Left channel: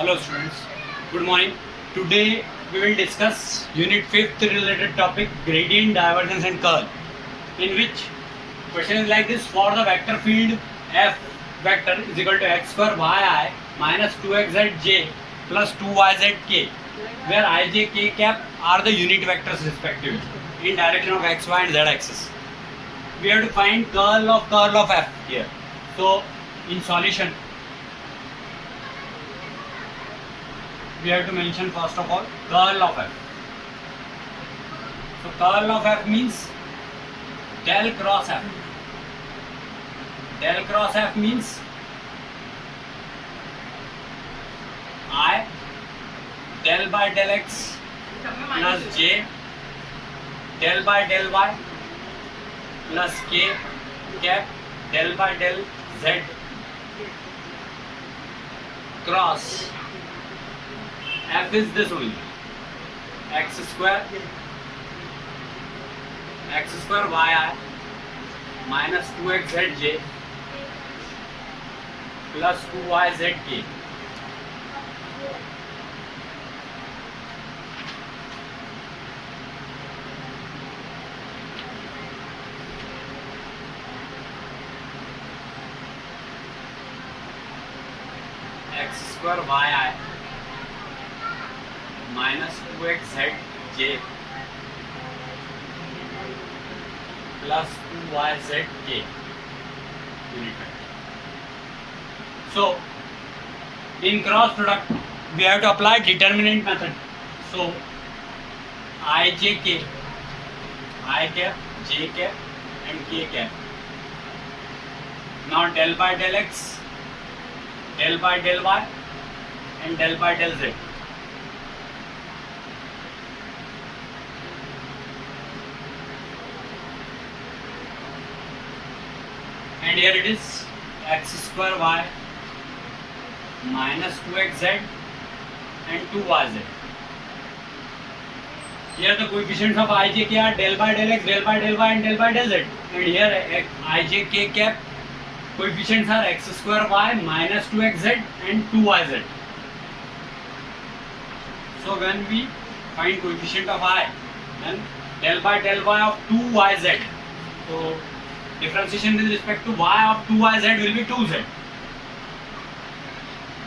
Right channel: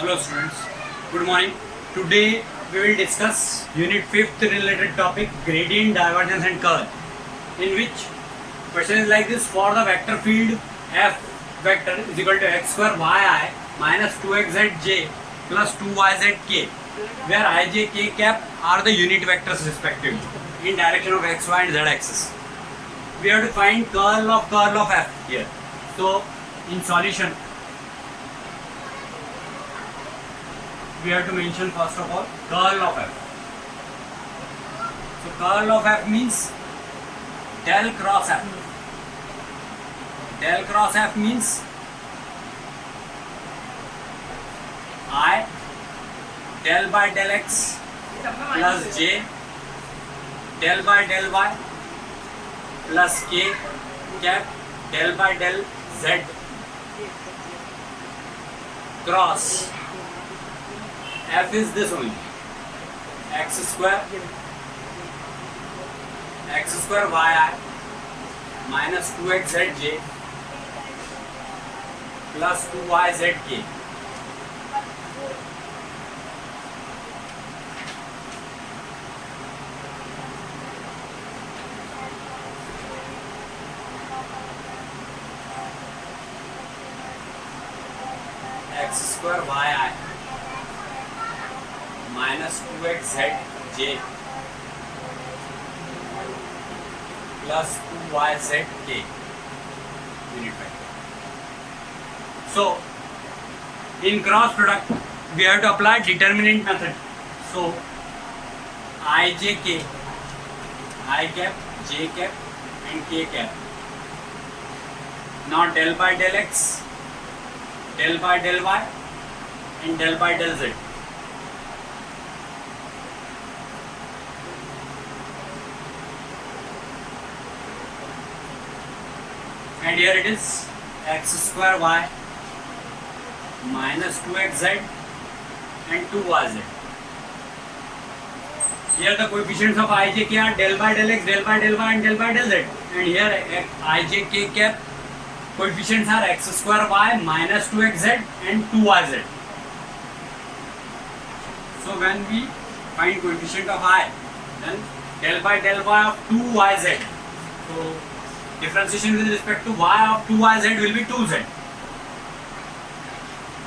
Hello students, good morning. Today we will discuss unit 5th related topic gradient, divergence and curl, in which question is like this: for the vector field f vector is equal to x square yi minus 2xzj plus 2yzk, where I, j, k cap are the unit vectors respectively in direction of x, y and z axis. We have to find curl of f here. So in solution, we have to mention first of all curl of f. So curl of f means del cross f. Del cross f means I del by del x plus j del by del y plus k cap del by del z cross f is this only, x square yi minus 2xzj plus 2yzk. X square yi minus 2xzj plus 2yzk unit vector. So in cross product we have to apply determinant method. So ijk, I cap, j cap and k cap. Now del by del x, del by del y and del by del z. And here it is x square y minus 2xz and 2yz. Here the coefficients of ijk are del by del x, del by del y and del by del z. And here ijk cap coefficients are x square y minus 2xz and 2yz. So when we find coefficient of I, then del by del y of 2yz. So differentiation with respect to y of 2yz will be 2z.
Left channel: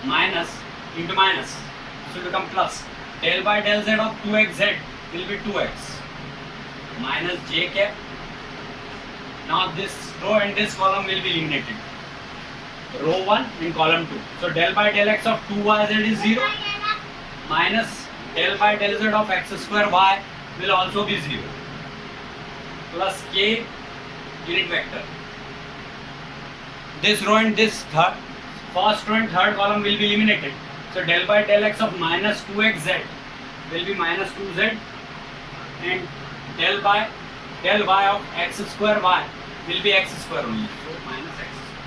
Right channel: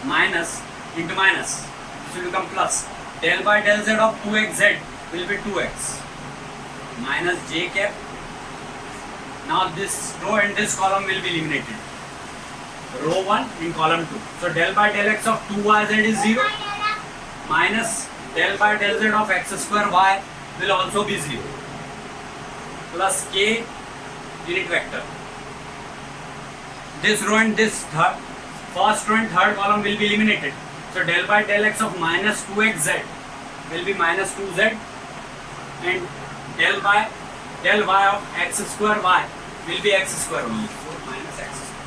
Minus into minus, this will become plus. Del by del z of 2xz will be 2x minus j cap. Now this row and this column will be eliminated. Row 1 in column 2. So del by del x of 2yz is 0 minus del by del z of x square y will also be 0 plus k unit vector. This row and this first row and third column will be eliminated. So del by del x of minus 2xz will be minus 2z and del by del y of x square y will be x square only. So minus x square.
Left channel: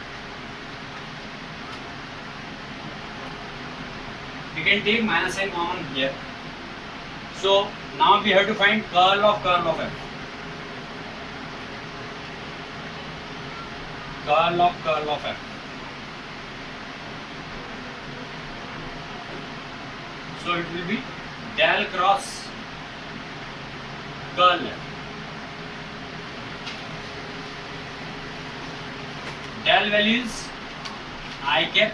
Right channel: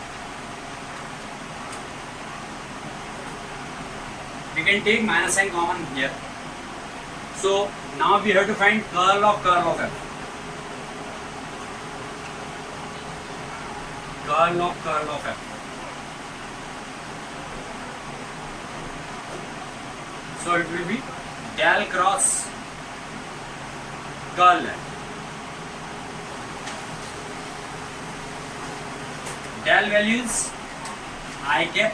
We can take minus sign common here. So now we have to find curl of f. Curl of f. So it will be del cross curl f. Del value is I cap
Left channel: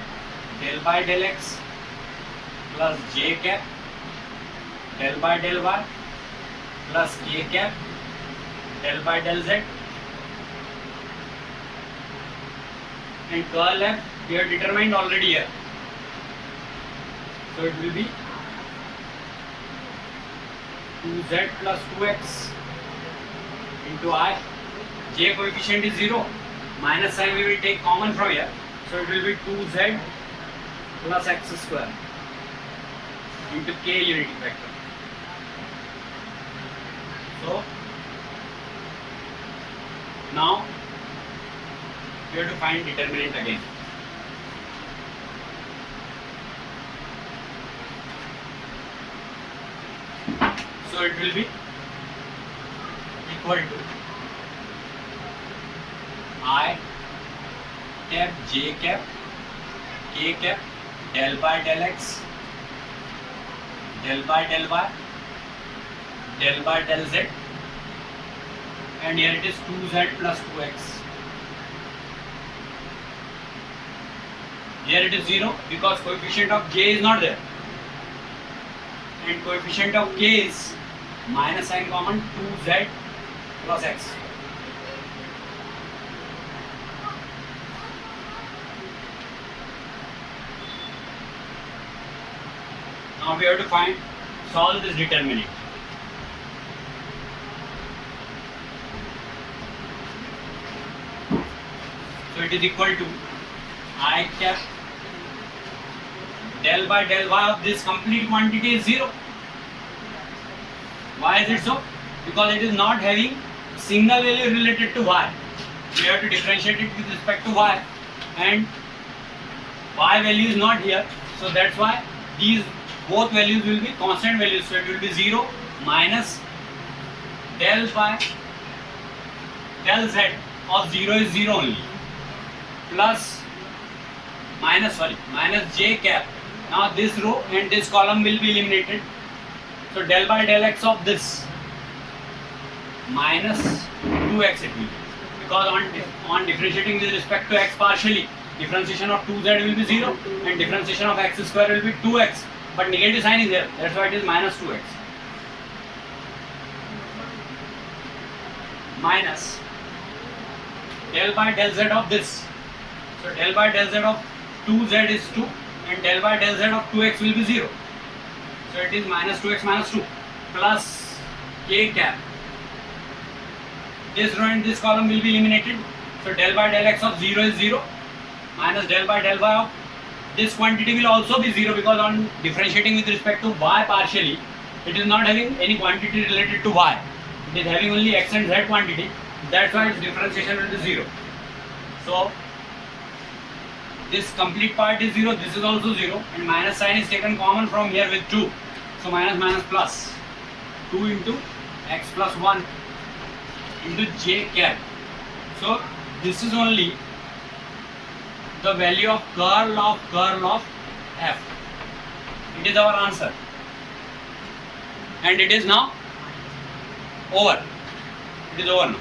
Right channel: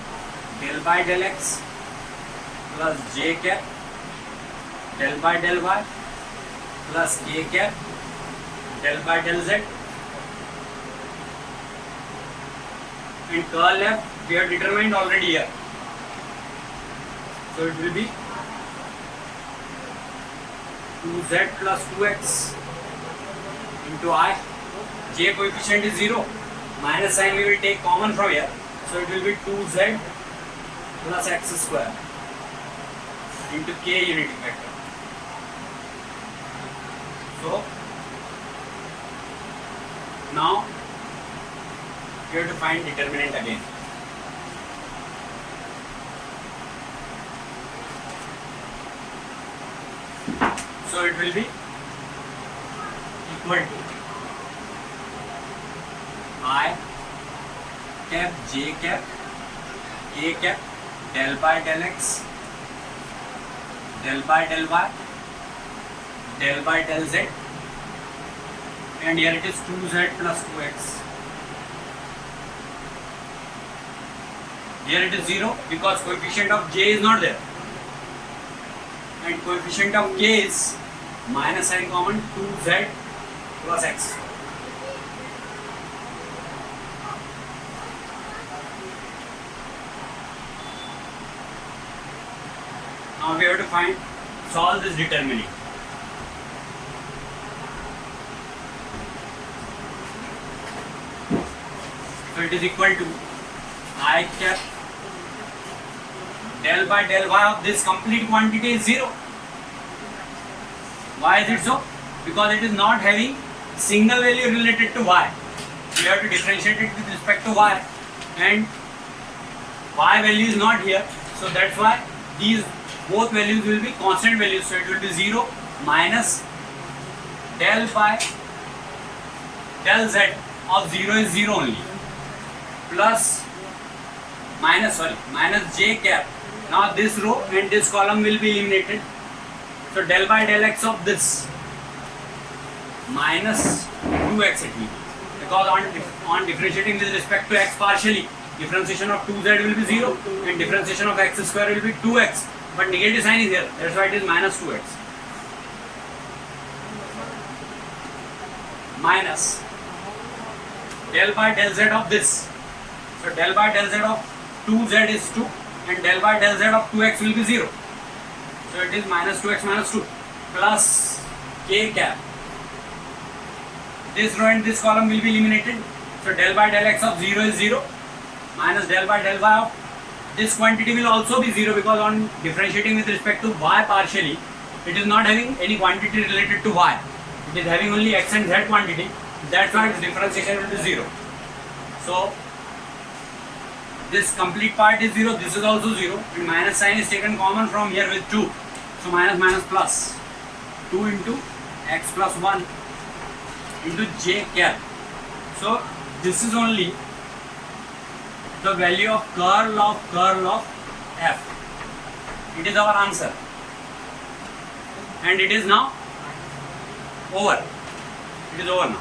del by del x plus j cap del by del y plus k cap del by del z. And curl f we have determined already here. So it will be 2z plus 2x into I. J coefficient is 0. Minus sign we will take common from here. So it will be 2z plus x square into k unit vector. So now we have to find determinant again. So it will be equal to I cap, j cap, k cap, del by del x del by del y, del by del z, and here it is 2z plus 2x. Here it is 0 because coefficient of j is not there, and coefficient of k is minus sign common 2z plus x. Now we have to solve this determinant. So it is equal to I cap del by del y of this complete quantity is 0. Why is it so? Because it is not having single value related to y. We have to differentiate it with respect to y, and y value is not here. So that's why these both values will be constant values. So it will be 0 minus del by del z of 0 is 0 only, plus minus j cap. Now this row and this column will be eliminated. So del by del x of this minus 2x it will be, because on differentiating with respect to x partially, differentiation of 2z will be 0 and differentiation of x square will be 2x, but negative sign is here, that's why it is minus 2x. Minus del by del z of this. So del by del z of 2z is 2 and del by del z of 2x will be 0. So it is minus 2x minus 2 plus k cap. This row and this column will be eliminated. So del by del x of 0 is 0 minus del by del y of this quantity will also be 0, because on differentiating with respect to y partially, it is not having any quantity related to y. It is having only x and z quantity. That's why its differentiation will be 0. So this complete part is 0, this is also 0, and minus sign is taken common from here with 2. So minus minus plus 2 into x plus 1 into j cap. So this is only the value of curl of f. It is our answer, and it is now over. It is over now.